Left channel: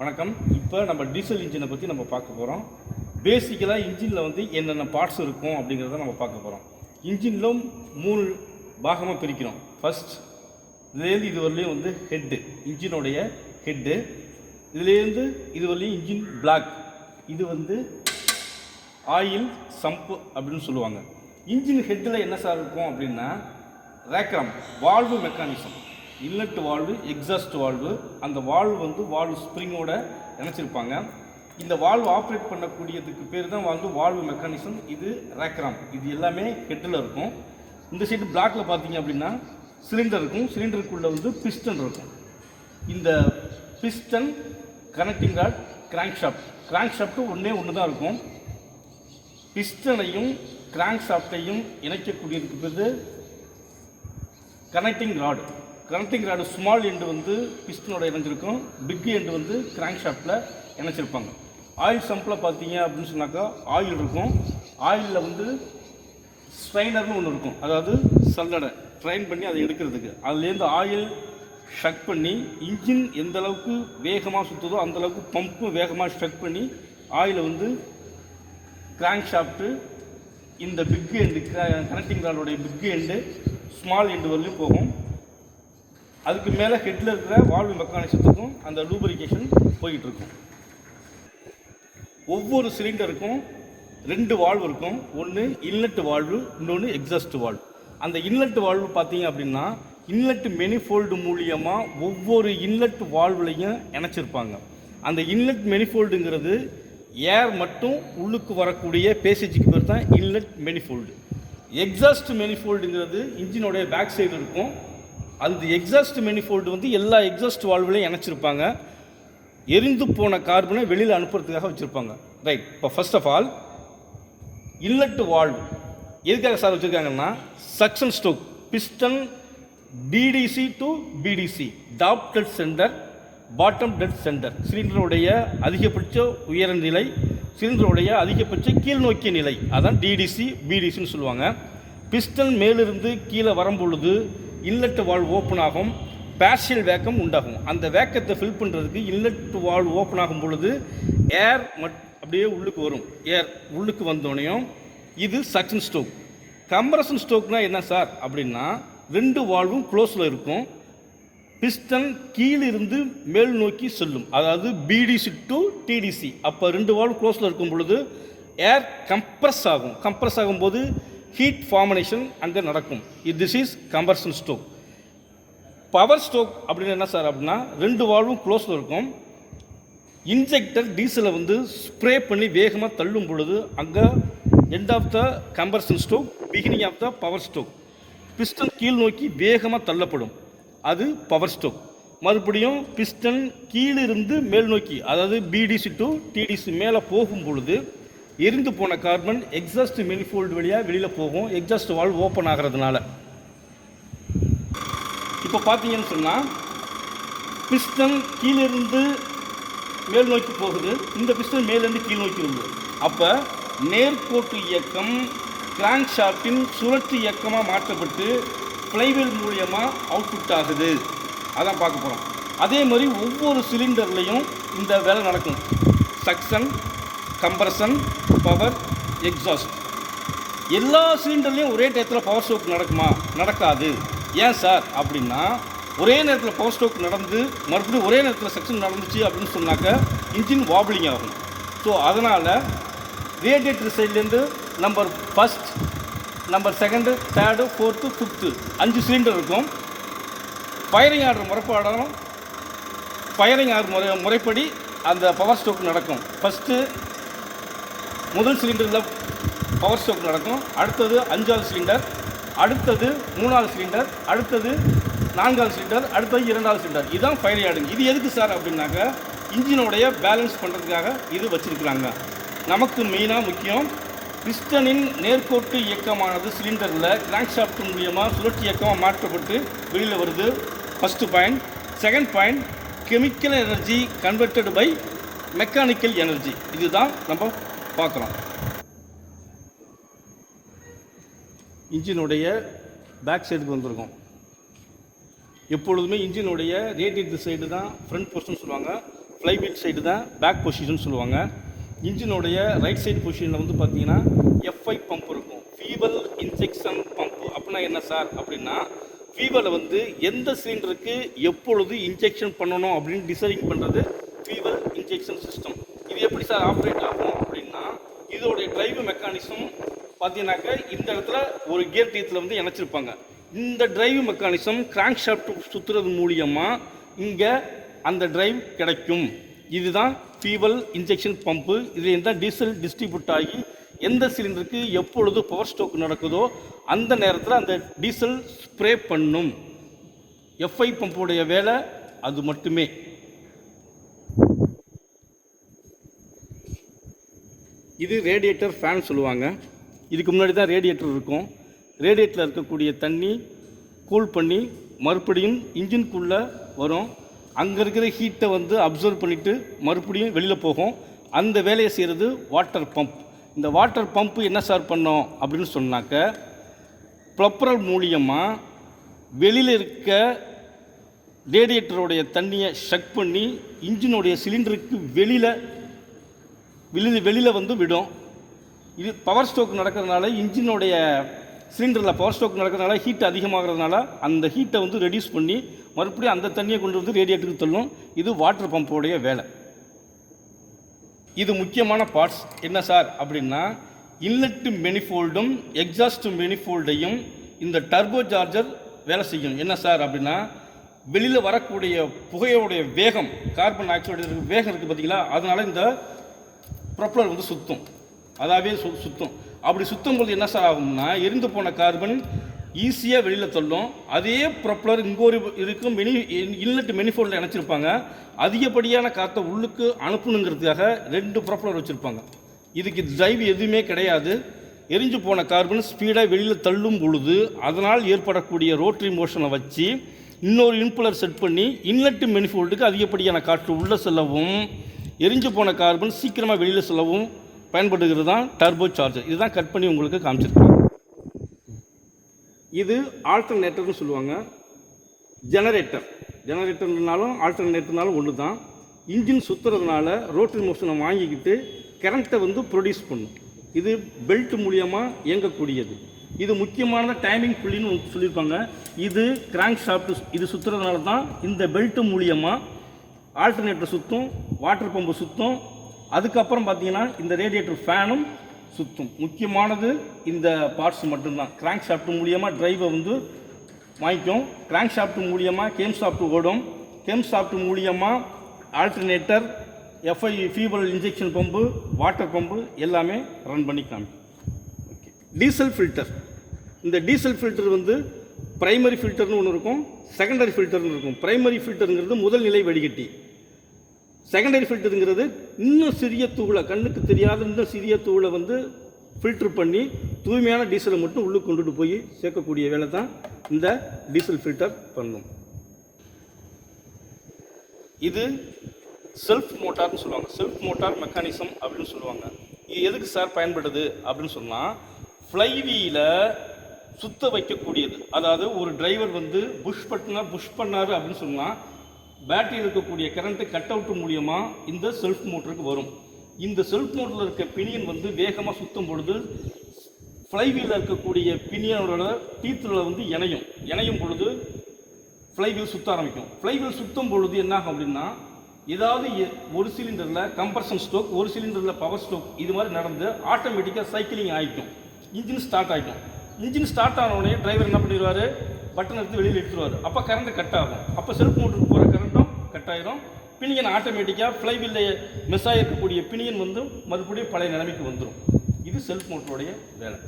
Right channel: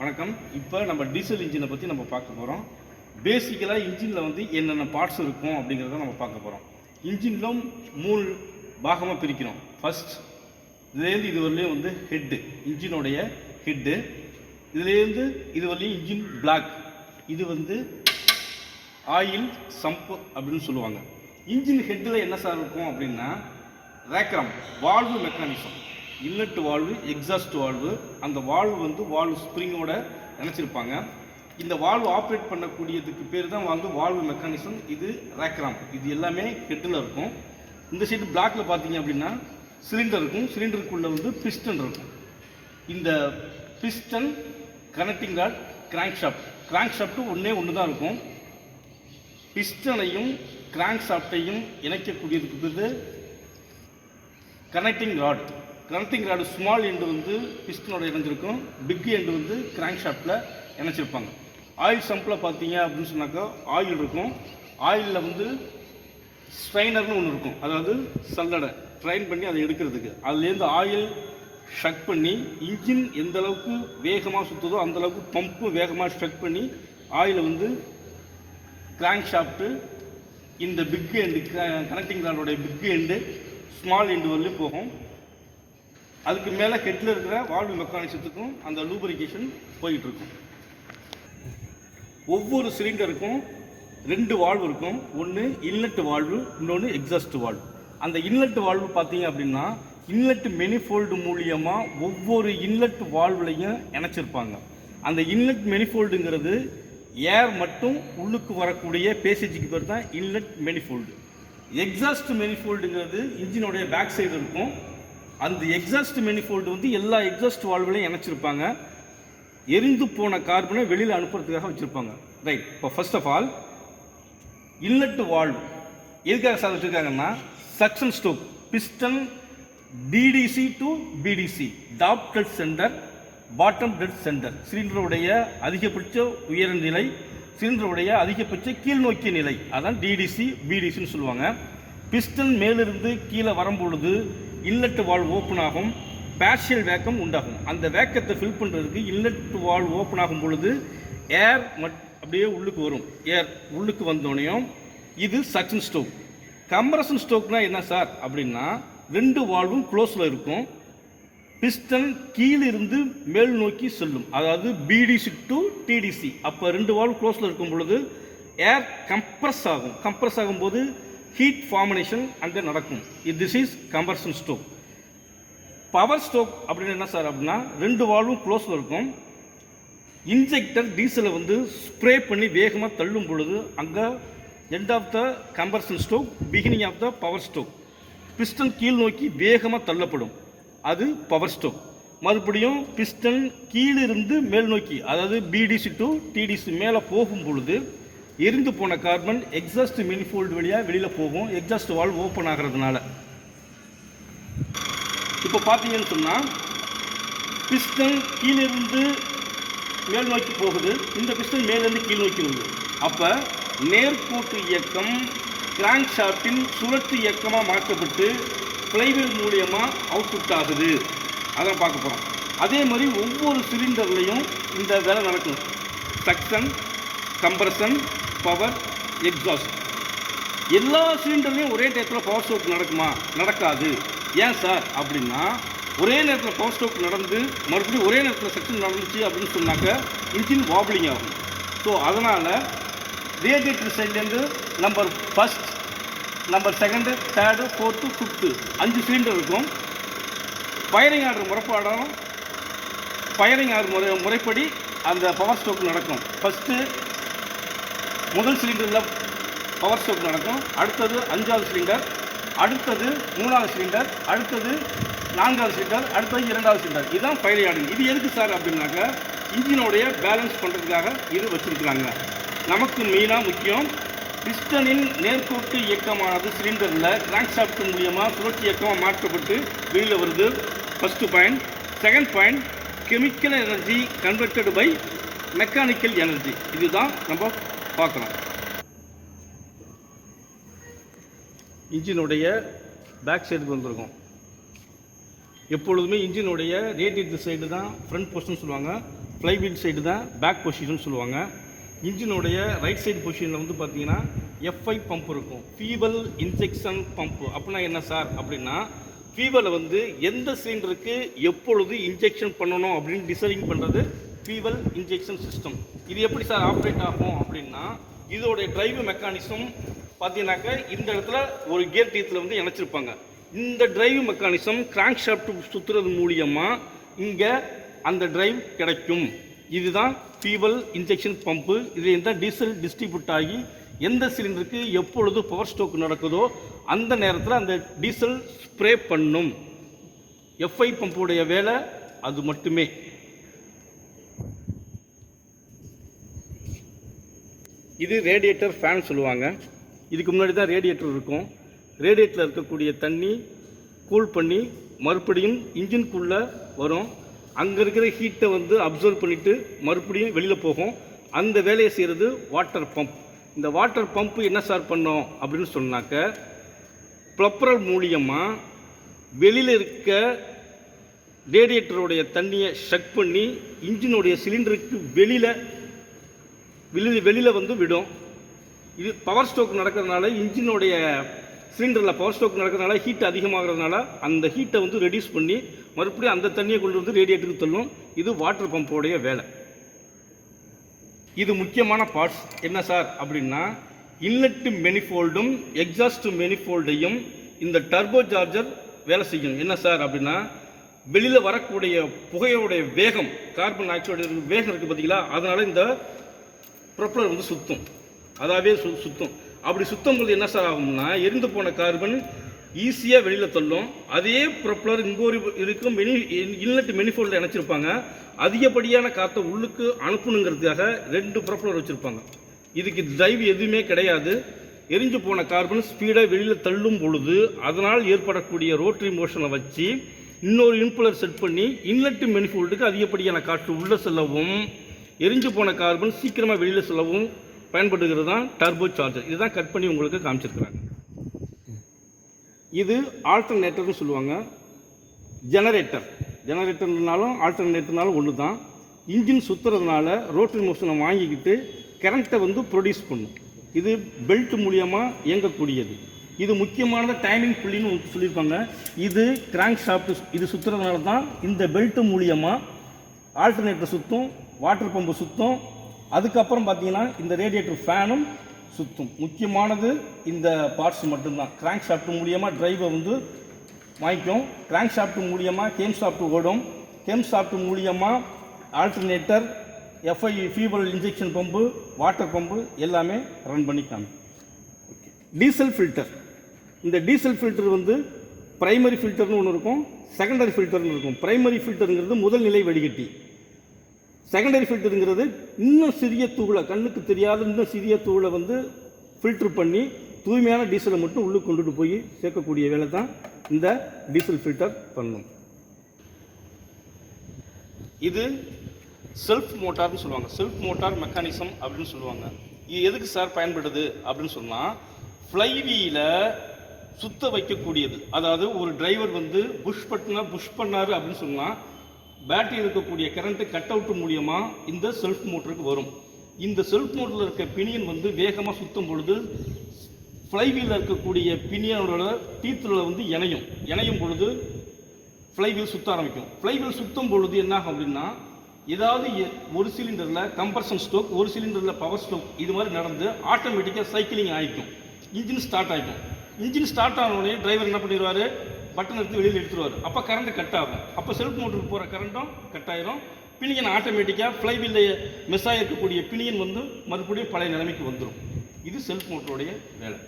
வணக்கம். இப்போ நம்ம டீசல் இன்ஜினை பற்றி நம்ம பார்க்க போகிறோம். பேசிக்கலாக இன்ஜினில் வந்து என்னென்ன பார்ட்ஸ் இருக்கும் அப்படிங்கிறத நம்ம பார்க்க போகிறோம். இன்ஜினில் 3 பாகமாக பிரிக்கிறோம். ஃபர்ஸ்ட் இதுலேருந்து இது வரலையும் வந்து ஹெட்டு, இன்ஜினுடைய ஹெட்டு. இதுலேருந்து இது வரலையும் இன்ஜின் பிளாக், இது வந்து ஆயில் சம்பு அப்படின்னு சொல்லுவாங்க. இன்ஜின் ஹெட்டில் என்ன சார் இருக்கும் அப்படின்னா rocker arm, valve mechanism, inlet valve, exhaust valve. அந்த வால்வு வந்து வால்வு ஸ்ப்ரிங்கோட இணைச்சிருப்பாங்க. இந்த வால்வு ஆப்ரேட் பண்ணக்கூடியதுக்கு பேர் தான் வந்து வால்வு மெக்கானிசம். இது ரேக்ராம். இது எல்லாமே ஹெட்டில் இருக்கும். இந்த சைடு பிளாக்ல பார்த்தீங்க அப்படின்னா சிலிண்டர் இருக்கும். சிலிண்டருக்குள்ளே வந்து பிஸ்டன் இருக்கும். இந்த piston, connecting rod, crankshaft. Crankshaft ஒன்று தான் இருக்கும். பிஸ்டனையும் கிராங்க் ஷாஃப்டையும் இணைக்கக்கூடியதுக்கு பேர் connecting rod. Connecting rod small end வந்து பிஸ்டனோட இணைஞ்சிருக்கும், பிக் எண்டு வந்து கிராங்க் ஷாஃப்டில் இணைச்சிருப்பாங்க. ஆயில் சம்பில் பார்த்தீங்க அப்படின்னு சொன்னாக்கா ஆயில் இருக்கும். ஆயிலில் வந்து ஸ்ட்ரைனர்னு ஒன்று இருக்கும், அதாவது சல்லடை ட்ரைன் பண்ணி அதை எடுக்கிறதுக்கு. அதுலேருந்து ஆயில் ஷக் பண்ணி இன்ஜின் எந்த அளவுக்கு வேகமாக சுற்றுதோ அந்தளவுக்கு பம்பு வேகமாக ஷக் பண்ணி ஆயிலை வந்து கிராங்க் ஷாஃப்ட்டு இந்த பிக் எண்டு, கனெக்டிங் ராடோடைய பிக் எண்டு ஸ்மால் எண்டு வரலையும் போகும். அதுக்கு மேலே ஹெட்டில் இருக்கிற வால்வு மெக்கானிசத்துக்கும் அந்த லூப்ரிகேஷன் போயிட்டுருக்கும். ஒவ்வொரு சிலிண்டருக்கும் 2 வால்வு இருக்கும். ஒன்று இன்லெட் வால்வு, இன்னொன்று எக்ஸாஸ்ட் வால்வு. அந்த இன்லெட் வால்வு பார்த்தீங்க அப்படின்னா இன்லெட் மெனிஃபோல்டு மூலியமாக ஒவ்வொரு இன்லெட் வால்வுலையும் இணைச்சிருப்பாங்க. அந்த இன்லெட் மெனிஃபோல்டுங்கிறது ஏர் மட்டும் உள்ளுக்கு வரக்கூடிய பேசேஜுக்கு பேர் தான் inlet manifold. Exhaust மெனிஃபோல்டுங்கிறது இன்ஜினோடைய back side இருக்கும். அந்த எக்ஸாஸ்ட் மெனிஃபோல்டு வந்து எல்லா எக்ஸாஸ்ட் வால்வுலையும் இணைச்சிருப்பாங்க. எரிந்து போன கார்பனை வெளியில் அனுப்புறதுக்காக வச்சுருப்பாங்க. ரைட். இப்போ first of all inlet valve எதுக்காக சார் வச்சுருக்காங்கன்னா suction stroke, piston TDC to BDC, top dead centre, bottom dead centre. சிலிண்டருடைய அதிகபட்ச உயர நிலை, சிலிண்டருடைய அதிகபட்ச கீழ் நோக்கிய நிலை, அதான் டிடிசி பிடிசின்னு சொல்லுவாங்க. பிஸ்டன் மேலிருந்து கீழே வரும்பொழுது இன்லெட் வால்வு ஓப்பன் ஆகும், பார்ஷியல் வேக்கம் உண்டாகும். அந்த வேக்கத்தை ஃபில் பண்ணுறதுக்கு இன்லெட் வால்வு ஓப்பன் ஆகும் பொழுது ஏர் அப்படியே உள்ளுக்கு வரும். ஏர் உள்ளுக்கு வந்தோடனையும் இது சக்ஷன் ஸ்ட்ரோக். கம்ப்ரஷன் ஸ்ட்ரோக்னா என்ன சார் அப்படின்னா 2 வால்வும் க்ளோஸில் இருக்கும். பிஸ்டன் கீழிருந்து மேல் நோக்கி செல்லும், அதாவது பிடிசி டு டிடிசி. அப்போ 2 வால்வு க்ளோஸில் இருக்கும் பொழுது ஏர் கம்ப்ரஸ் ஆகும். கம்ப்ரஸ் ஆகும்போது ஹீட் ஃபார்மேஷன் அங்கே நடக்கும். This is கம்பர்ஷன் stroke. Power stroke அப்படின்னு என்ன சார் அப்படின்னா 2 வால்வும் க்ளோஸில் இருக்கும். இன்ஜெக்டர் டீசலை வந்து ஸ்ப்ரே பண்ணி வேகமாக தள்ளும் பொழுது அங்கே end of the compression stroke, beginning of the power stroke. Piston கீழ் நோக்கி வேகமாக தள்ளப்படும், அது பவர் ஸ்ட்ரோக். மறுபடியும் பிஸ்டன் கீழிருந்து மேல் நோக்கி, அதாவது பிடிசி டு டிடிசி மேலே போகும் பொழுது எரிந்து போன கார்பன் எக்ஸாஸ்ட் மெனிஃபோல்டு வழியாக வெளியில் போகும், எக்ஸாஸ்ட் வால்வு ஓப்பன் ஆகிறதுனால. இப்போ பார்த்தீங்கன்னு சொன்னால் பிஸ்டன் கீழிருந்து மேல் நோக்கி போகுது, இந்த பிஸ்டன் மேலேருந்து கீழ் நோக்கி இருக்குது. அப்போ நேர்கோட்டு இயக்கம் கிராங்க் ஷாஃப்டின் சுழற்சி இயக்கமாக மாற்றப்பட்டு ஃப்ளைவீல் மூலியமாக அவுட்புட் ஆகுது. அதான் பார்க்க போகிறோம். அதே மாதிரி ஒவ்வொரு சிலிண்டர்லேயும் இந்த வேலை நடக்கும். Suction, compression, power, exhaust. எல்லா சிலிண்டர்லேயும் ஒரே டயத்தில் பவர் ஸ்ட்ரோக் நடக்குமா? நடக்காது. ஏன் சார் அப்படின்னா ஒரே நேரத்தில் பவர் ஸ்ட்ரோக் நடந்து மறுபடியும் ஒரே நேரத்தில் செக்ஷன் நடந்துச்சு அப்படின்னு சொன்னாக்க இன்ஜின் வாப்ளிங் ஆகும். ஸோ அதனால் ரேடியேட்டர் சைட்லேருந்து நம்பர் 1, நம்பர் 2, 3, 4, 5 5 சிலிண்டர் இருக்கும். ஃபயரிங் ஆர்டர் முறைப்படி அந்த பவர் ஸ்ட்ரோக் நடக்கும். ஃபஸ்ட்டு முதல் சிலிண்டரில் பவர் ஸ்ட்ரோக் நடக்கும், அடுத்தது 5வது சிலிண்டர், அடுத்தது 3வது சிலிண்டர், அடுத்தது 4வது சிலிண்டர், அடுத்தது 2வது சிலிண்டர். இதுதான் ஃபயரிங் ஆர்டர். இது எதுக்கு சார் அப்படின்னாக்க இன்ஜினோடைய பேலன்ஸ் பண்ணுறதுக்காக இது வச்சுருக்குறாங்க. நமக்கு மெயினாக முக்கியம் பிஸ்டனின் நேர்கோட்டு இயக்கமானது சிலிண்டரில் கிராங்க் ஷாஃப்ட் மூலியமாக சுழற்சி இயக்கமாக மாற்றப்பட்டு வெளியில் வருது. First point. Second point, chemical energy converted by mechanical energy. இதுதான் நம்ம பார்க்கலாம். இன்ஜினுடைய பேக் சைடுக்கு வந்திருக்கும். எப்பொழுதுமே இன்ஜினுடைய ரேடியேட்டர் சைடு தான் ஃப்ரண்ட் போர்ஷன் சொல்லுவாங்க. ஃப்ளைவீல் சைடு தான் பேக் பொசிஷன் சொல்லுவாங்க. இன்ஜினுடைய ரைட் சைடு பொசிஷனில் வந்து பார்த்தீங்கன்னா எஃப்ஐ பம்ப் இருக்கும், ஃபியூவல் இன்ஜெக்ஷன் பம்ப். அப்படின்னா என்ன சார் அப்படின்னா, ஃபியூவலை வந்து எந்த சிலிண்டருக்கு எப்பொழுது இன்ஜெக்ஷன் பண்ணணும் அப்படின்னு டிசைன் பண்ணுறது ஃபியூவல் இன்ஜெக்ஷன் சிஸ்டம். இது எப்படி சார் ஆப்ரேட் ஆகும் அப்படின்னா, இதோடைய டிரைவ் மெக்கானிசம் பார்த்தீங்கன்னாக்க இந்த இடத்துல ஒரு கியர் டீத்தில் வந்து இணைச்சிருப்பாங்க. இந்த டிரைவ் மெக்கானிசம் கிராங்க் ஷாஃப்ட் சுற்றுறது மூலியமாக இங்கே அந்த டிரைவ் கிடைக்கும். இதுதான் ஃபியூவல் இன்ஜெக்ஷன் பம்பு. இது எந்த டீசல் டிஸ்ட்ரிபியூட் ஆகி எந்த சிலிண்டருக்கு எப்பொழுது பவர் ஸ்ட்ரோக் நடக்குதோ அந்த நேரத்தில் அந்த டீசல் ஸ்ப்ரே பண்ணும். எஃப்ஐ பம்புடைய வேலை அது மட்டுமே. இது ரேடியேட்டர் ஃபேன் சொல்லுவாங்க. இதுக்கு முன்னாடி தான் ரேடியேட்டர் இருக்கும். ரேடியேட்டரில் இருக்கக்கூடிய தண்ணி கூல் பண்ணி மறுபடியும் இன்ஜின்குள்ளே வரும். அங்கே இருக்கிற ஹீட்டை வந்து அப்சர்வ் பண்ணிவிட்டு மறுபடியும் வெளியில் போகும். அந்த வேலையை செய்கிறது வாட்டர் பம்ப். இந்த வாட்டர் பம்ப்பு என்ன சார் பண்ணோம் அப்படின்னு சொன்னாக்க, ப்ரொப்பரல் மூலியமாக வெளியில் இருக்க ரேடியேட்டருடைய தண்ணியை ஷக் பண்ணி இன்ஜினுடைய சிலிண்டருக்கு வெளியில் வந்து விடும். இது பவர் ஸ்ட்ரோக் நடக்கிறதுனால, இன்ஜினுடைய சிலிண்டரில் பவர் ஸ்ட்ரோக் நடக்கிறதுனால ஹீட் அதிகமாகிறதுனால அந்த ஹீட்டை வந்து ரெடியூஸ் பண்ணி மறுபடியும் அந்த தண்ணியை கொண்டு வந்து ரேடியேட்டருக்கு தள்ளும். இது வாட்டர் பம்போடைய வேலை. இது முக்கியமான பார்ட்ஸ் என்ன சார் அப்படின்னா, இன்லெட் மெனிஃபோல்டும் எக்ஸாஸ்ட் மெனிஃபோல்டையும் இந்த டர்போ சார்ஜர் வேலை செய்யும். என்ன சார் அப்படின்னா, வெளியில் வரக்கூடிய புகையோடைய வேகம், கார்பன் டை ஆக்சைடு வேகம் இருக்குது பார்த்தீங்களா, அதனால் இந்த ப்ரொப்பலர் வந்து சுற்றும். அதாவே சுற்றும். அப்படி சுற்றும் போது என்ன சார் ஆகும்னா, எரிந்து போன கார்பன் ஈஸியாக வெளியில் தள்ளும். அதே ப்ரொப்பலர் இங்கே ஒரு இருக்கும் இன்லெட் மெனிஃபோல்டில் இணைச்சிருப்பாங்க. அதிகப்படியான காற்றை உள்ளுக்கு அனுப்பணுங்கிறதுக்காக 2 ப்ரொப்பலர் வச்சுருப்பாங்க. இதுக்கு டிரைவ் எதுவுமே கிடையாது. எரிஞ்சு போன கார்பன் ஸ்பீடாக வெளியில் தள்ளும் பொழுது அதனால் ஏற்படக்கூடிய ரோட்டரி மோஷனை வச்சு இன்னொரு இன்புலர் செட் பண்ணி இன்லெட் மெனிஃபோல்டுக்கு அதிகப்படியான காற்று உள்ளே செல்லவும் எரிஞ்சு போன கார்பன் சீக்கிரமாக வெளியில் செல்லவும் பயன்படுகிறது தான் டர்போ சார்ஜர். இதுதான் கட் பண்ணி உங்களுக்கு காமிச்சிருக்காங்க. இது ஆல்டர்னேட்டர்னு சொல்லுவாங்க. ஜெனரேட்டர்னாலும் ஆல்டர்னேட்டர்னாலும் ஒன்று தான். இன்ஜின் சுற்றுறதுனால ரோட்டரி மோஷனை வாங்கிக்கிட்டு கரண்ட்டை வந்து ப்ரொடியூஸ் பண்ணும். இது பெல்ட் மூலியமாக இயங்கக்கூடியது. இது முக்கியமான டைமிங் புள்ளின்னு சொல்லியிருப்பாங்க. இது கிராங்க் ஷாஃப்ட் இது சுற்றுறதுனால தான் இந்த பெல்ட் மூலியமாக ஆல்டர்னேட்டர் சுற்றும், வாட்டர் பம்பு சுற்றும். அதுக்கப்புறம் பார்த்தீங்கன்னா இந்த ரேடியேட்டர் ஃபேனும் சுற்றும். முக்கியமானது இந்த பார்ட்ஸ் மட்டும்தான். கிராங்க் ஷாஃப்ட் மூலியமாக டிரைவை வந்து வாங்கிக்கும். கிராங்க் ஷாஃப்ட் மூலியமாக கேம் ஷாஃப்ட் ஓடும். கேம் ஷாஃப்ட் மூலியமாக alternator, FI fuel injection pump, water pump எல்லாமே ரன் பண்ணி காமிக்கும். Diesel filter. இந்த டீசல் ஃபில்டர் வந்து பிரைமரி ஃபில்டர்னு ஒன்று இருக்கும், செகண்டரி ஃபில்டர்னு இருக்கும். பிரைமரி ஃபில்டருங்கிறது முதல் நிலை வடிகட்டி. செகண்டரி ஃபில்டருங்கிறது இன்னும் சிறிய தூளை, கண்ணுக்கு தெரியாத இன்னும் சிறிய தூளை வந்து ஃபில்ட்ரு பண்ணி தூய்மையான டீசலை மட்டும் உள்ளுக்கு கொண்டுட்டு போய் சேர்க்கக்கூடிய வேலை தான் இந்த டீசல் ஃபில்டர் பண்ணும். இது செல்ஃப் மோட்டார்னு சொல்லுவாங்க. செல்ஃப் மோட்டார் மெக்கானிசம் அப்படின்னு சொல்லுவாங்க. இது எதுக்கு சார் பயன்படுது அப்படின்னு சொன்னால், ஃப்ளைவீலை சுத்த வைக்கக்கூடியது. அதாவது ஒரு டிரைவர் வந்து புஷ் பண்ணார் அப்படின்னு சொன்னால் பேட்டரியில் இருக்கக்கூடிய கரண்ட்டு கட் அவுட் மூலியமாக இந்த செல்ஃப் மோட்டருக்கு வரும். இந்த செல்ஃப் மோட்டரில் இருக்க பினியன் வந்து வேகமாக சுற்றும் பொழுது ஃப்ளைவீலில் இருக்கக்கூடிய பினியனோட டீத்தில் வந்து இணையும் பொழுது ஃப்ளைவீல் சுற்ற ஆரம்பிக்கும். ஃப்ளைவீல் சுற்றும் பொழுது என்ன ஆகும் அப்படின்னா, ஏதாவது ஒரு சிலிண்டரில் கம்ப்ரஷன் ஸ்ட்ரோக், ஒரு சிலிண்டரில் பவர் ஸ்ட்ரோக் இது மாதிரி நடந்து ஆட்டோமேட்டிக்காக சைக்கிளிங் ஆகிக்கும். இன்ஜின் ஸ்டார்ட் ஆகிக்கும். இன்ஜின் ஸ்டார்ட் ஆனவுடனே டிரைவர் என்ன பண்ணிடுவார், பட்டன் எடுத்து வெளியில் எடுத்துருவார். அப்போ கரண்ட் கட் ஆகும். அப்போ செல்ஃப் மோட்டருக்கு போகிற கரண்ட்டும் கட் ஆகிரும். பினியன் ஆட்டோமேட்டிக்காக ஃப்ளைவீலில் மிஸ் ஆகிருக்கக்கூடிய பினியன் வந்து மறுபடியும் பழைய நிலைமைக்கு வந்துடும். இது செல்ஃப் மோட்டருடைய வேலை.